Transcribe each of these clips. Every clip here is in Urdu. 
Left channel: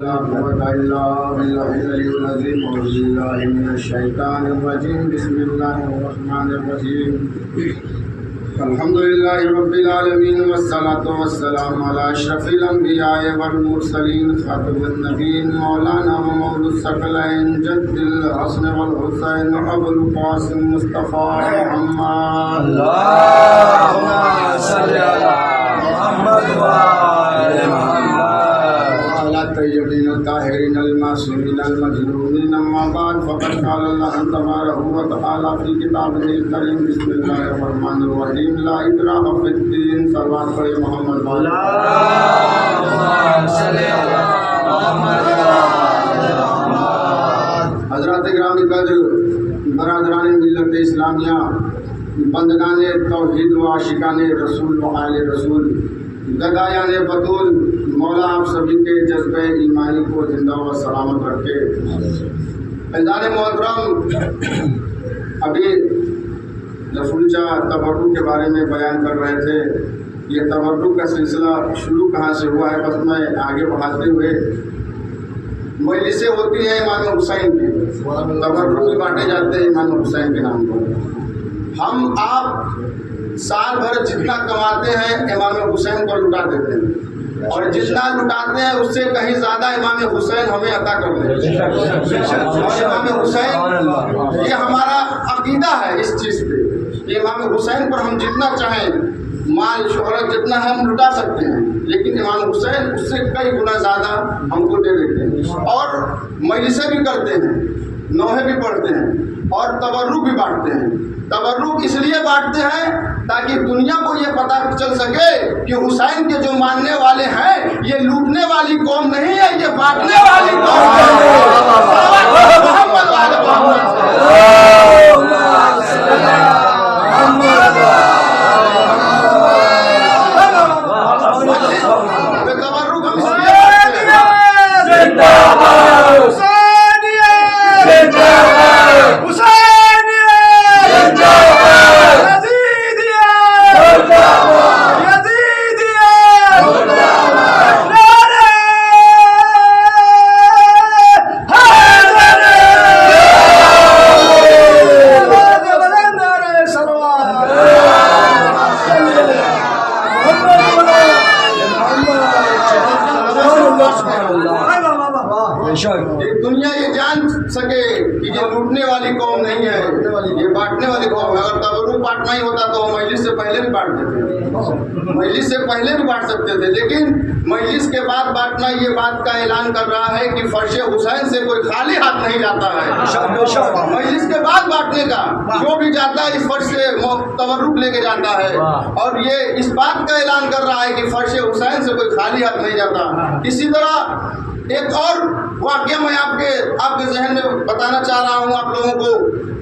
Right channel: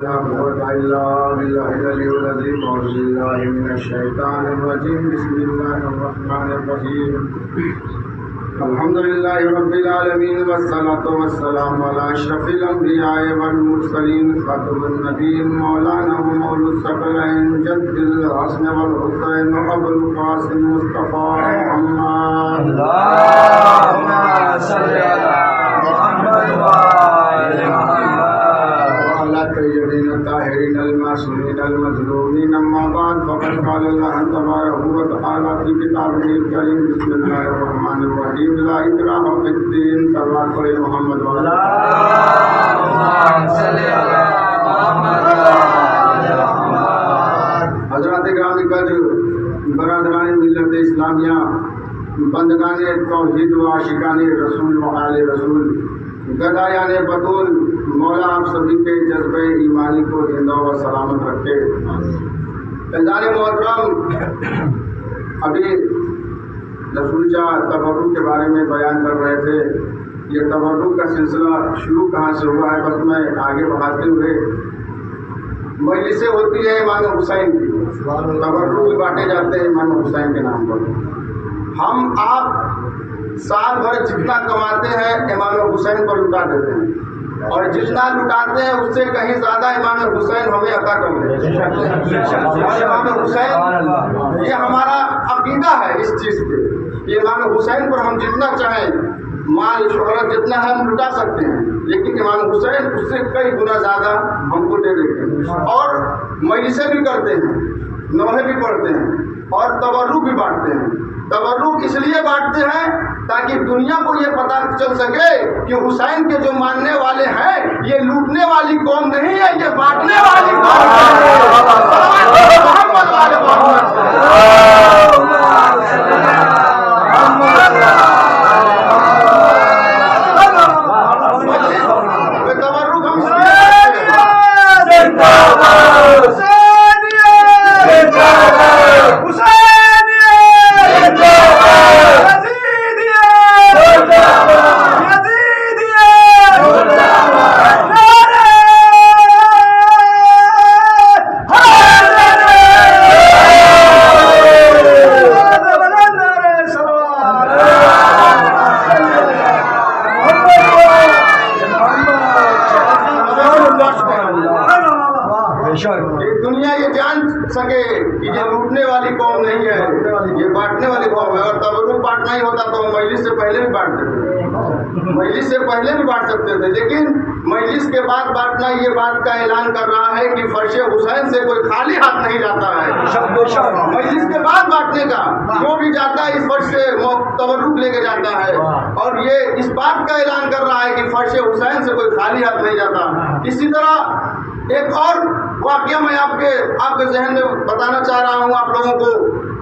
بسم الله الرحمن الرحيم الحمد لله رب العالمين والصلاة والسلام على أشرف الأنبياء والمرسلين خاتم النبيين مولانا ومولى الثقلين جد الحسن والحسين أبو القاسم مصطفى محمد اللهم صل على محمد وآل محمد وعلى الطيبين الطاهرين المعصومين المظلومين أما بعد فقد قال الله تبارك وتعالى في كتابه الكريم بسم الله الرحمن الرحيم لا إكراه في الدين صلوات پڑھیں محمد اللهم صل على محمد وآل محمد. حضرات گرامی قدر برادران ملت اسلامیہ بندگان توحید و عاشقان رسول و آل رسول گدایان بطول مولا آپ سبھی کے جذبہ ایمانی کو زندہ و سلامت رکھے. عزیزان محترم، ابھی رسول چاہ تبرک کے بارے میں بیان کر رہے تھے. یہ تبرک کا سلسلہ شروع کہاں سے ہوا ہے بس میں آگے بڑھاتے ہوئے مجلسیں ہوتی ہے امام حسین کی، تبرک بھی بانٹے جاتے ہیں امام حسین کے نام پر. ہم آپ سال بھر جتنا کماتے ہیں امام حسین پر لٹا دیتے ہیں اور جتنا لٹاتے ہیں اس سے کہیں زیادہ امام حسین ہمیں عطا کر دیں. اور امام حسین یہ ہمارا عقیدہ ہے اس چیز پہ کہ امام حسین پر ہم جتنا چاہیں مال شہرت جتنا ہے ہم لٹا سکتے ہیں، لیکن امام حسین اس سے کئی گنا زیادہ ہم کو دے دیتے ہیں. اور مجلسیں بھی کرتے ہیں، نوحے بھی پڑھتے ہیں اور تبرک بھی بانٹتے ہیں. تبرک اس لیے بانٹتے ہیں تاکہ دنیا کو یہ پتہ چل سکے کہ حسین کے جو ماننے والے ہیں یہ لوٹنے والی قوم نہیں ہے، یہ بانٹنے والی قوم ہے. دنیا یہ جان سکے کہ یہ لوٹنے والی قوم نہیں ہے، یہ بانٹنے والی قوم ہے. اگر تبرک بانٹنا ہی ہوتا تو مجلس سے پہلے بھی بانٹ دیتے، مجلس سے پہلے بھی بانٹ سکتے تھے، لیکن مجلس کے بعد بانٹنا یہ بات کا اعلان کر رہا ہے کہ فرش حسین سے کوئی خالی ہاتھ نہیں جاتا ہے. مجلس کے بعد بانٹنے کا جو بھی جاتا ہے اس فرش سے تبرک لے کے جاتا ہے، اور یہ اس بات کا اعلان کر رہا ہے کہ فرش حسین سے کوئی خالی ہاتھ نہیں جاتا. اسی طرح ایک اور واقعہ میں آپ کے ذہن میں بتانا چاہ رہا ہوں آپ لوگوں کو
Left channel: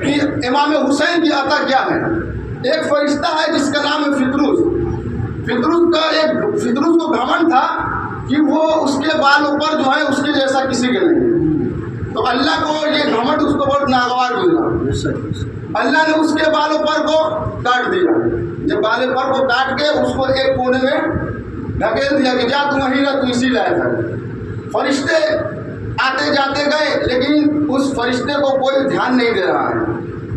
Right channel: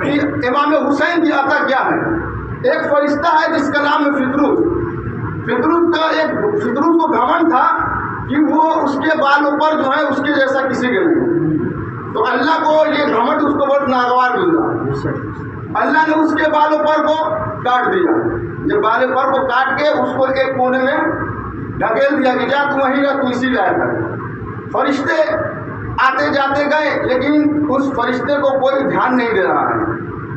کہ امام حسین کی عطا کیا ہے. ایک فرشتہ ہے جس کا نام ہے فطروس. فطروس کو گھمنڈ تھا کہ وہ اس کے بال اوپر جو ہے اس کے جیسا کسی کے نہیں. تو اللہ کو یہ گھمنڈ اس کو بہت ناگوار گزرا. اللہ نے اس کے بال اوپر کو کاٹ دیا. جب بال اوپر کو کاٹ کے اس کو ایک کونے میں ڈھکیل دیا کہ جا تم وہیں رہ، تو اسی لائق ہے. فرشتے آتے جاتے گئے لیکن اس فرشتے کو کوئی دھیان نہیں دے رہا ہے.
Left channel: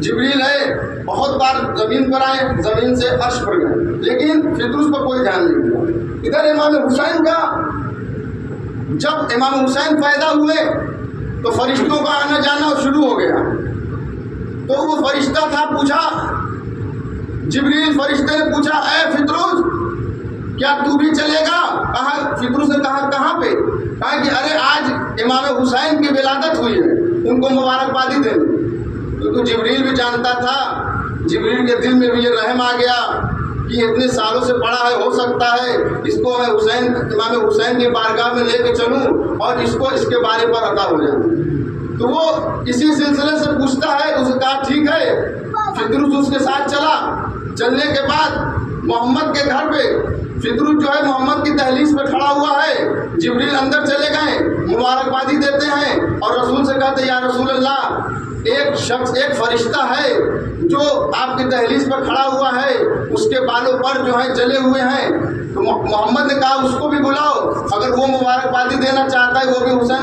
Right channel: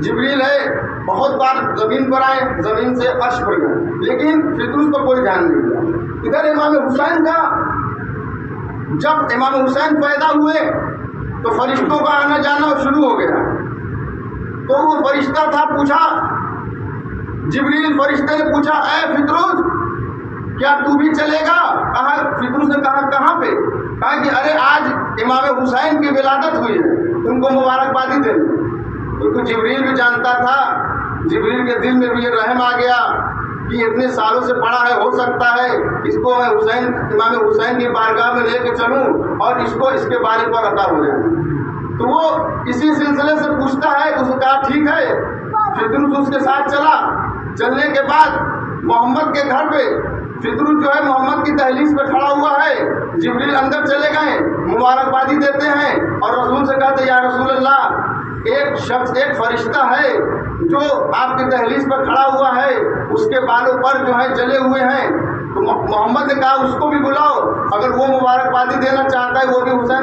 جبریل ہے بہت بار زمین پر آئے، زمین سے عرش پر گئے، لیکن فطروس پر کوئی دھیان نہیں دیا. ادھر امام حسین کا جب امام حسین پیدا ہوئے تو فرشتوں کا آنا جانا شروع ہو گیا. تو وہ فرشتہ تھا، پوچھا جبریل فرشتے نے پوچھا اے فطروس کیا تو بھی چلے گا؟ کہا فطروس نے کہا کہاں پہ؟ کہا کہ ارے آج امام حسین کی ولادت ہوئی ہے، ان کو مبارکبادی دے دو. کیونکہ جبریل بھی جانتا تھا، جبریل کے دل میں بھی یہ رحم آ گیا کہ اتنے سالوں سے پڑھا ہے، ہو سکتا ہے اس کو میں امام حسین کی بارگاہ میں لے کے چلوں اور اس کو اس کے بارے پر عطا ہو جائے. تو وہ اسی سلسلے سے پوچھتا ہے. اس نے کہا ٹھیک ہے. فطروس اس کے ساتھ چلا. چلنے کے بعد محمد کے گھر پہ فطروس جو ہے محمد کی دہلیز پہ کھڑا ہوا ہے. جبریل اندر چلے گئے، مبارکبادی دیتے ہیں اور رسول سے کہتے یا رسول اللہ ایک شخص ایک فرشتہ ہے جو آپ کی دہلیز پر کھڑا ہوا ہے، اس کے بالوں پر جو ہے جلے ہوئے ہیں. تو محمد نے کہا اس کو بھی بلاؤ، اگر وہ مبارکبادی دینا چاہتا ہے وہ بھی حسین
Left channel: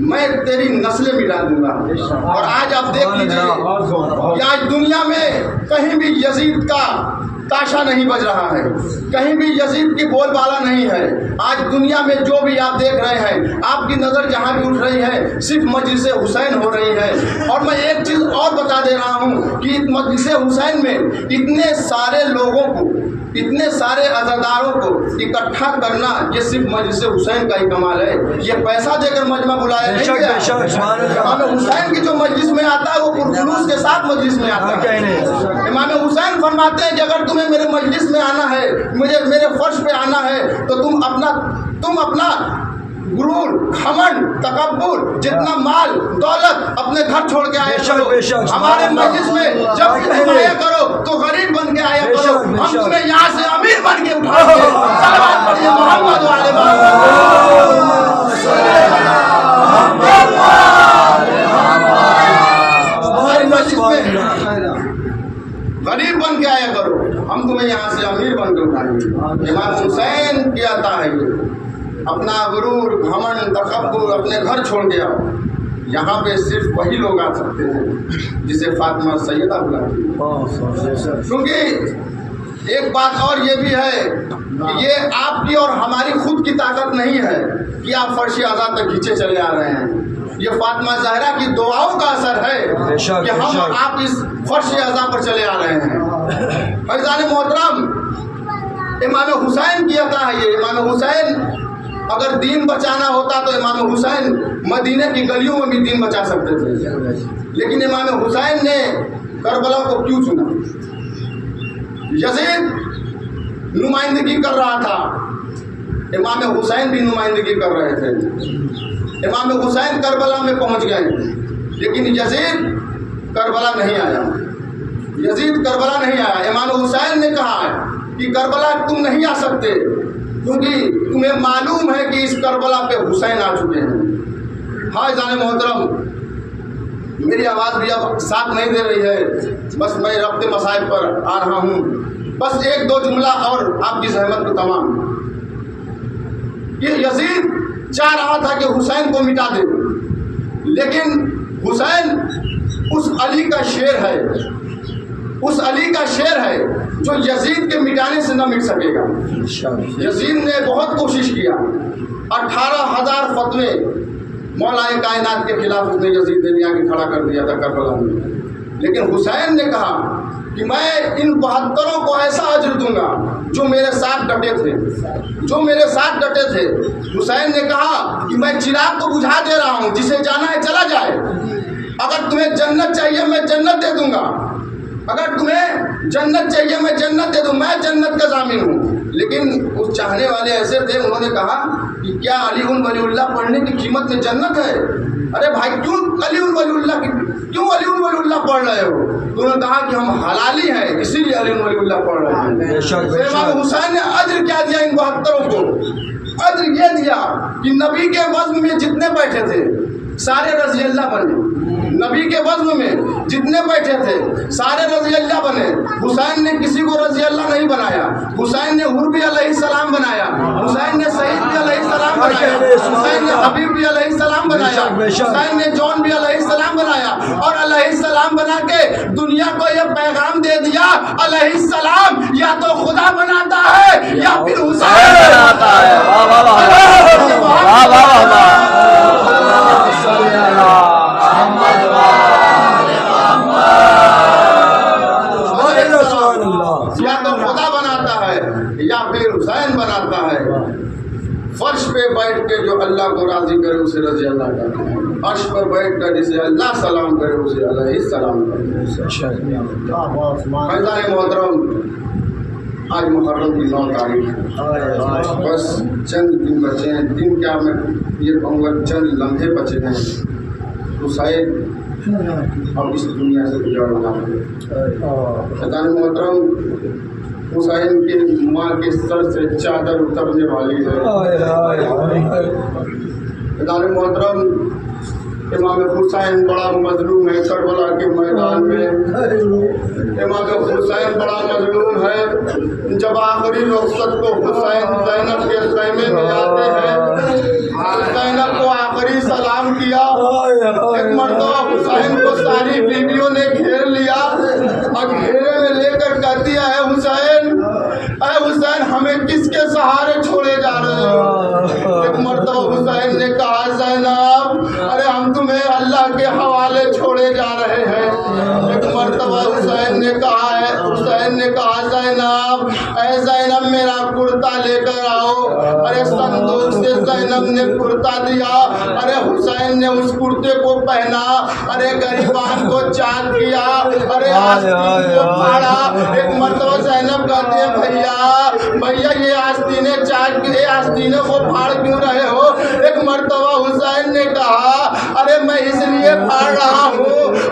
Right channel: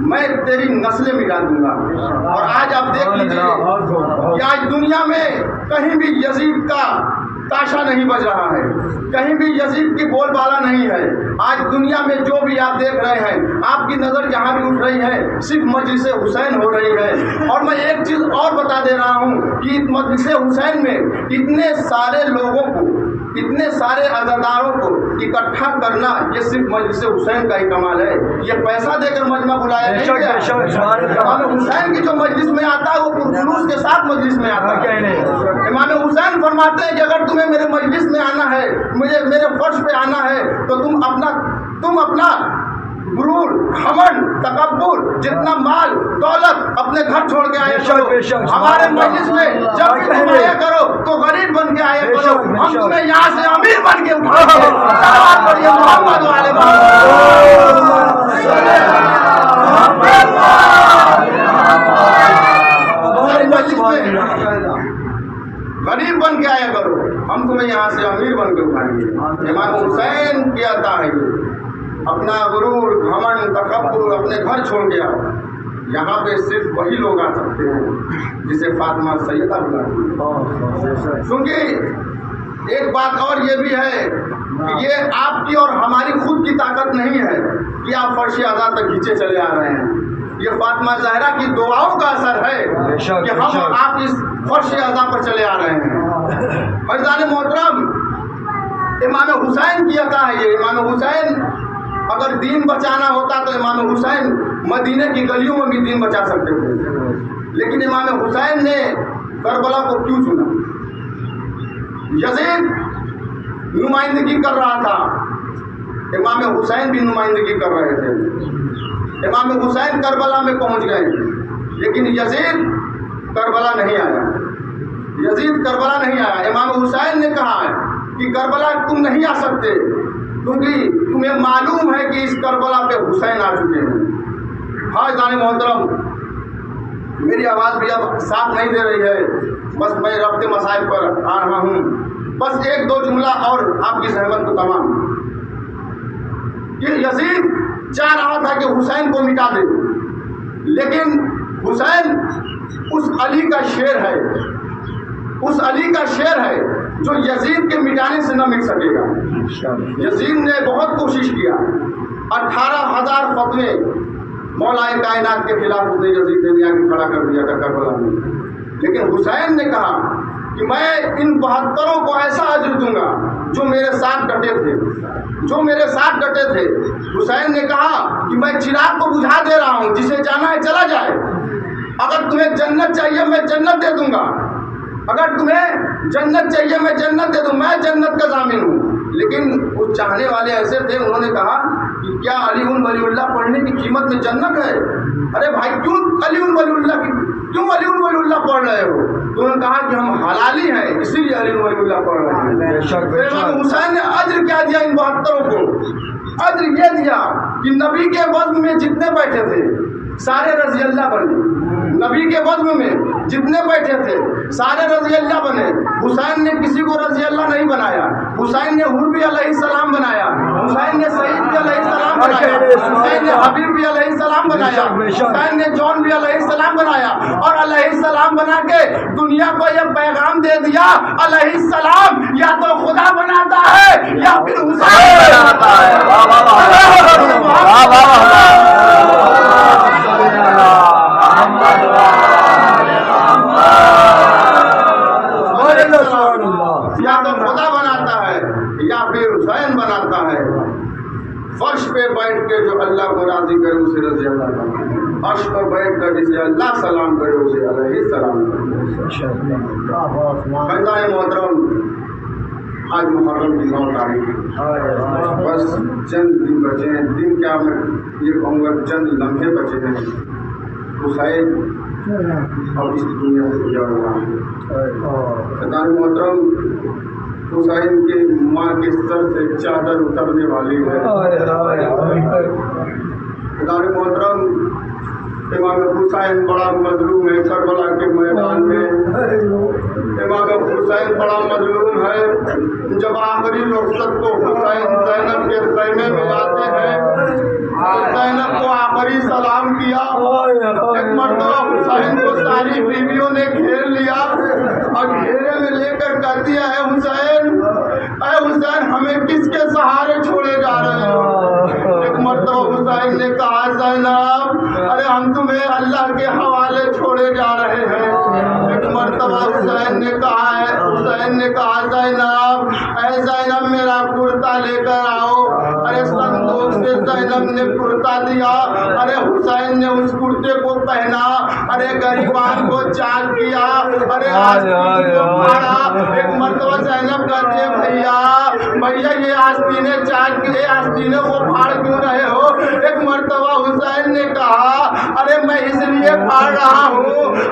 میں تیری نسلیں مٹا دوں گا۔ اور آج آپ دیکھ لیجیے کہ آج دنیا میں کہیں بھی یزید کا تاشا نہیں بج رہا ہے، کہیں بھی یزید کی بول بالا نہیں ہے۔ آج دنیا میں جو بھی آپ دیکھ رہے ہیں، آپ کی نظر جہاں بھی اٹھ رہی ہے صرف مجلس حسین ہو رہی ہے۔ اور میں ایک چیز اور بتا دے رہا ہوں کہ مجلس حسین میں اتنے سارے لوگوں کو، اتنے سارے عزاداروں کو اکٹھا کرنا، یہ صرف مجلس حسین کا ہی کمال ہے۔ یہ پیسہ دے کر مجمع بلایا نہیں گیا۔ امام حسین کی جو مجلس میں آتا ہے وہ پرجلوس کے ساتھ مجلس میں آتا ہے۔ امام حسین فرماتے ہیں کہ اگر تمہیں میرے مجلس میں آنا ہے، مجھے میرے فرش پہ آنا ہے، تو تم اپنا غرور، گھمنڈ، تکبر، جتنا مال دولت اپنے گھر چھوڑ کے آیا کرو۔ ہمارے مجلس میں جب بھی تم آیا کرو تو غریب بن کے آیا کرو، ہم تمہیں یہاں سے امیر بن کے اٹھائیں گے۔ صلوات پڑھیے محمد وعلى ہمارے مجلس میں غریب بن کے آیا کرو، ہم تمہیں یہاں سے امیر بن کے اٹھائیں گے۔ امام حسین کیا تھا ہے یہ، اپنا غرور، گھمنڈ، تکبر اپنے گھر چھوڑ کے آؤ۔ یہاں پہ صرف وہی لوگ آ سکتے ہیں جسے فاطمہ سیدہ بلاتی ہے۔ کیونکہ ایک بات اور یہ بھی ہے کہ یہ آپ کی اور ہماری خود کی طاقت نہیں ہے کہ آپ فرش اعضاء تک کھینچے چلے آ رہے ہیں۔ یہ فاطمہ زہرا کی دعاؤں کا اثر ہے کہ ہم آپ اس فرش اعضاء پر چلے آ رہے ہیں۔ فیضان محترم، امام حسین کی عطا ہے یہ۔ امام حسین اگر دین بچانا ہوتا تو امام حسین مدینہ کی گلیوں میں بھی دین بچا سکتے تھے، لیکن امام حسین نے کربلا کو کیوں چنا؟ یزید نمائندگی کر رہا تھا، امام حسین بھی نمائندگی کر رہے تھے۔ امام حسین کربلا میں پہنچ گئے، لیکن یزید کربلا نہیں آیا۔ یزید کربلا نہیں آیا۔ امام حسین نے کہا ہے کہ کربلا تم نہیں آ سکتے، کیونکہ تمہیں معلوم ہے کہ اس کربلا پہ حسین آ چکے ہیں۔ ہاں جان محترم، میری آواز بھی اب ساتھ نہیں دے رہی ہے، بس میں ربط مسائل پر آ رہا ہوں۔ بس ایک دو جملہ اور آپ کی زحمت کو تمام۔ یہ یزید چاہ رہا تھا کہ حسین کو مٹا دے، لیکن حسین اس علی کا شیر ہے، اس علی کا شیر ہے جو یزید کے مٹانے سے نہ مٹ سکے گا۔ یزید نے بہت کوشش کیا، 18,000 فتوے مولا کائنات کے خلاف اس نے یزید نے بھی آ کے کھڑا کر دیا تھا کربلا میں، لیکن حسین نے کہا کہ میں ان 72 کو ایسا اجر دوں گا جو میرے ساتھ ڈٹے تھے، جو میرے ساتھ ڈٹے تھے۔ حسین نے کہا کہ میں چراغ کو بجھا دے رہا ہوں، جسے جانا ہے چلا جائے۔ اگر تمہیں جنت چاہیے میں جنت دے دوں گا، اگر تمہیں جنت چاہیے میں جنت دے دوں، میں جنت کا ضامن ہوں۔ لیکن اس چاہنے والے ایسے تھے، انہوں نے کہا کہ کیا علی ولی اللہ پڑھنے کی قیمت میں جنت ہے؟ ارے بھائی کیوں علی ولی اللہ کیوں علی ولی اللہ پڑھ رہے ہو؟ تو انہوں نے کہا کہ ہم حلالی ہیں اسی لیے علی ولی اللہ پڑھ رہے ہیں۔ امام حسین نے اجر کیا دیا ان 72 کو؟ اجر یہ دیا کہ نبی کے وزن میں جتنے بیٹھے تھے سارے رضی اللہ بنے، نبی کے وزن میں جتنے بیٹھے تھے سارے رضی اللہ بنے۔ حسین نے کسی کو رضی اللہ نہیں بنایا، حسین نے حور بھی علیہ السلام بنایا، حسین نے سعید بھی علیہ السلام بنایا، حسین نے حبیب بھی علیہ السلام بنایا، حسین نے جون بھی علیہ السلام بنایا، اور علیہ السلام بنا کے دنیا کو یہ پیغام دے دیا علیہ السلام یا تو خدا بناتا ہے یا پھر حسین بناتا ہے۔ یا تو خدا بناتا ہے یا پھر حسین بناتا ہے۔ فرش پہ بیٹھ کے جو اللہ کو راضی کرے اسے رضی اللہ کرتا ہے، عرش پر بیٹھ کر جسے اللہ سلام کرے اسے علیہ السلام کرتا ہے۔ فیضان محترم، آج محرم کی 9 تاریخ ہے، بس چند دن بچے ہیں، دن کیا میں یہ کہوں گا چند لمحے بچے ہیں، حسین اب اس دنیا سے گزر ہوا ہے۔ فیضان محترم، حسین کے ماں کے سر سے چادر اترنے والی ہے۔ فیضان محترم، امام حسین بڑا مظلوم ہے کربلا کے میدان میں. امام حسین بڑا مظلوم ہے. جب آخری رخصت کو حسین زینب کے خیمے میں آتے ہیں، زینب کو آخری سلام کیا. ایک مرتبہ حسین کو ساری بیویوں نے گھیر لیا اور گھیرے میں لے کر کہتی ہے اے حسین ہمیں کس کے سہارے چھوڑے جا رہے ہو؟ ایک مرتبہ حسین نے کہا زینب ارے ہم تمہیں اللہ کے حوالے چھوڑے جا رہے ہیں. ایک مرتبہ حسین نے کہا زینب اے زینب میرا کرتا لے کر آؤ. ارے صندوق سے زینب نے کرتا دیا. ارے حسین نے اس کرتے کو پہنا. ارے غریبان کو چاک کیا. ارے آستین کو پھاڑا. ایک مرتبہ زینب کہتے ہیں بھیا یہ آستینیں چاک کی آستینوں کو پھاڑ کیوں رہے ہو؟ ایک مرتبہ حسین نے کہا ارے میں اس لیے پھاڑ رہا ہوں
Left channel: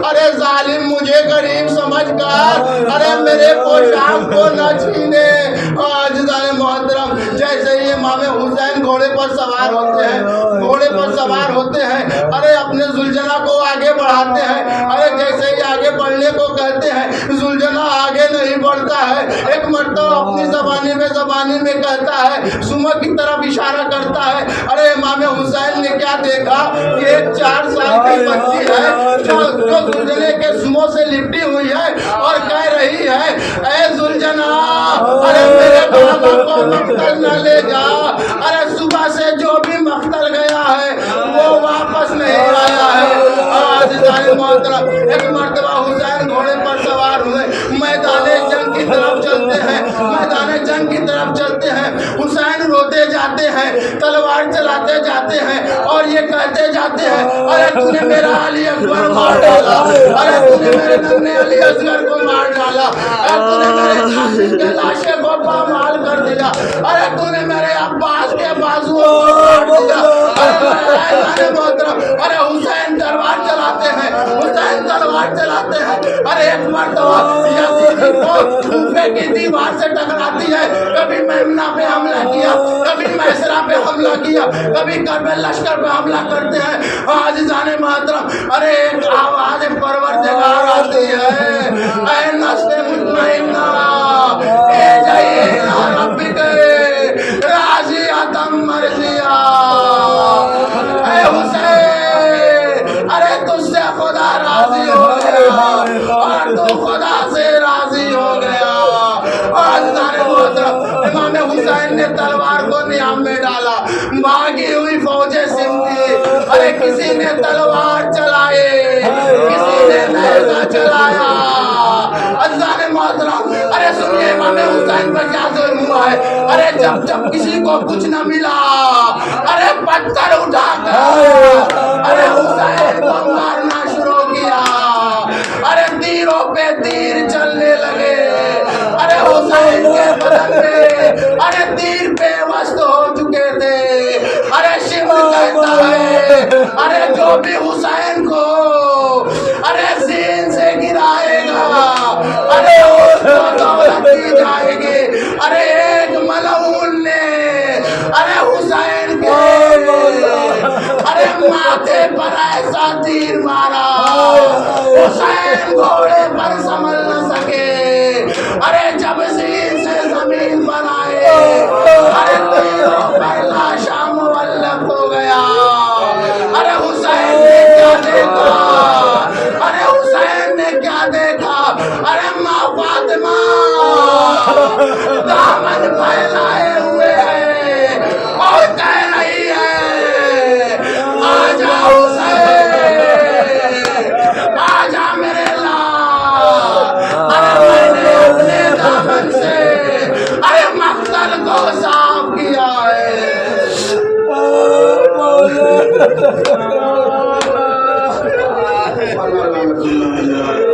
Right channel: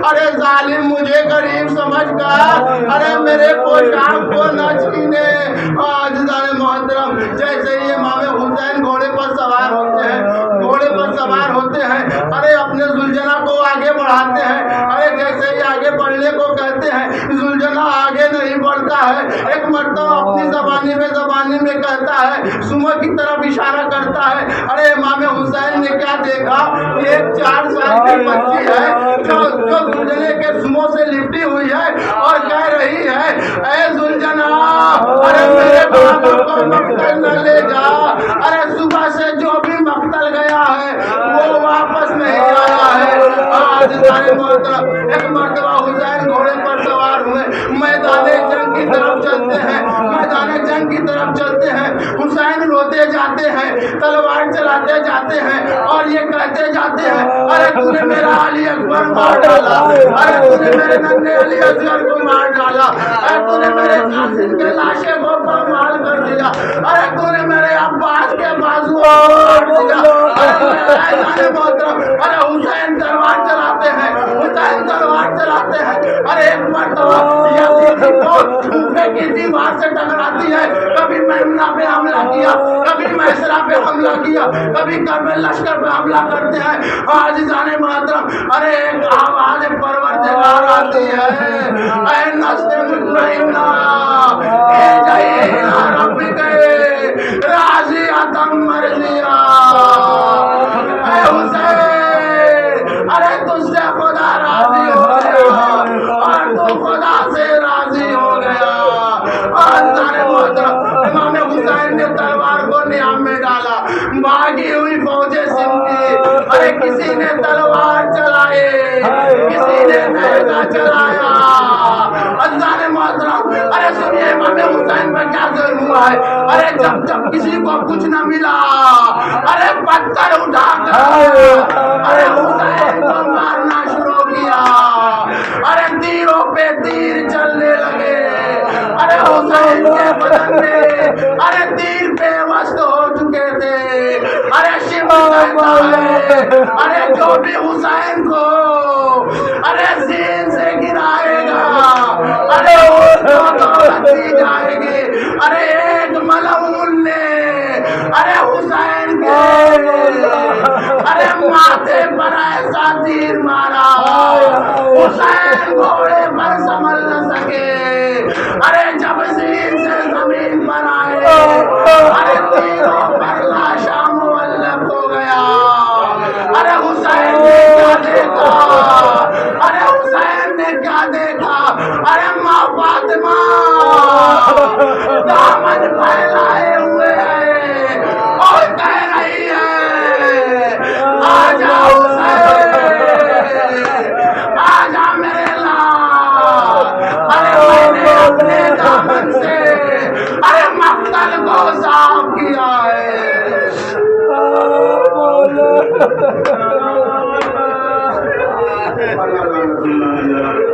ارے ظالم مجھے غریب سمجھ کر ارے میرے پوشاک کو نہ چھینے. عزیزان محترم جیسے ہی امام حسین گھوڑے پر سوار ہوتے ہیں ارے اپنے زلجنا کو آگے بڑھاتے ہیں. ارے جیسے ہی آگے بڑھنے کو کہتے ہیں زلجنا آگے نہیں بڑھتا ہے. ایک مرتبہ اپنی زبانی میں کہتا ہے سمر کی طرف اشارہ کرتا ہے. ارے امام حسین نے کیا دیکھا کہ ایک 4 سال کی بچی ہے جو زلجنے کے سموں سے لپٹی ہوئی ہے اور کہہ رہی ہے اے زلجنا ارے میرے بابا کو مقتل نہ لے جا. ارے صبح سے جو بھی مقتل گیا ہے وہ واپس نہیں آیا ہے. عزیزان محترم ایک مرتبہ حسین گھوڑے پر سوار ہوئے میدان جنگ کی طرف چلتے ہیں. حسین روتے جاتے ہیں تلوار چلاتے جاتے ہیں اور یہ کہتے جاتے ہیں ارے تو نے میرا علی اکبر مار ڈالا. ارے تو نے میرے ننھے علی اصغر کو مار ڈالا. ارے تو نے میرے قاسم کے لاشے کو پامال کر دیا. ارے تو نے میرے عباس کے بازو کو کاٹ دیا. ارے حسین تلوار چلاتے ہیں. ارے ایک مرتبہ یزید کو کوفے کی دیوار سے ٹکراتی ہے. کبھی میمنہ پہ حملہ کیا, کبھی میسرہ پہ حملہ کیا, کبھی کربلا لشکر پہ حملہ کرتے ہیں. عزیزان محترم ارے ایک آواز پروردگار آتی ہے اے نفس مطمئنہ ارجعی الی ربک راضیۃ مرضیہ. اے حسین ارے تجھ سے خدا راضی ہو گیا اور تو خدا سے راضی ہو گیا. امام حسین نے تلوار کو نیام میں ڈالا. بھاگی ہوئی فوجیں سمٹی. ارے کسی نے تلوار چلائے, کسی نے نیزہ چلایا. عزیزان محترم ارے سنیے امام حسین پر کیا ظلم ہوا ہے. ارے جب کسی کو کچھ نہ ملا ارے پتھر اٹھا کر ارے حسین کو مارنا شروع کیا. ارے تیروں پہ تیر چلنے لگے. ارے حسین کے بدن میں ارے تیر پہ وسط ہو چکے تھے. ارے شمر کہتا ہے ارے جو بھی حسین کو ارے زین سے گرائے گا ارے اس کو دولت دی جائے گی. ارے ایک ملعون نے ارے حسین کے ارے ماتھے پر ایسا تیر مارا حسین گھوڑے پر سنبھل نہ سکے. ارے جب زین سے زمین پر آئے ارے تیروں پر لاشا معلق ہو گیا. ارے حسین نے کیا دیکھا, ارے حسین نے کیا دیکھا. ارے ماں فاطمہ دامن پھیلائے ہوئے ہے اور کہہ رہی ہے آجا حسین آجا میرے لال. ارے میں نے اپنے دامن سے ارے مقتل کو صاف کیا ہے. اللہ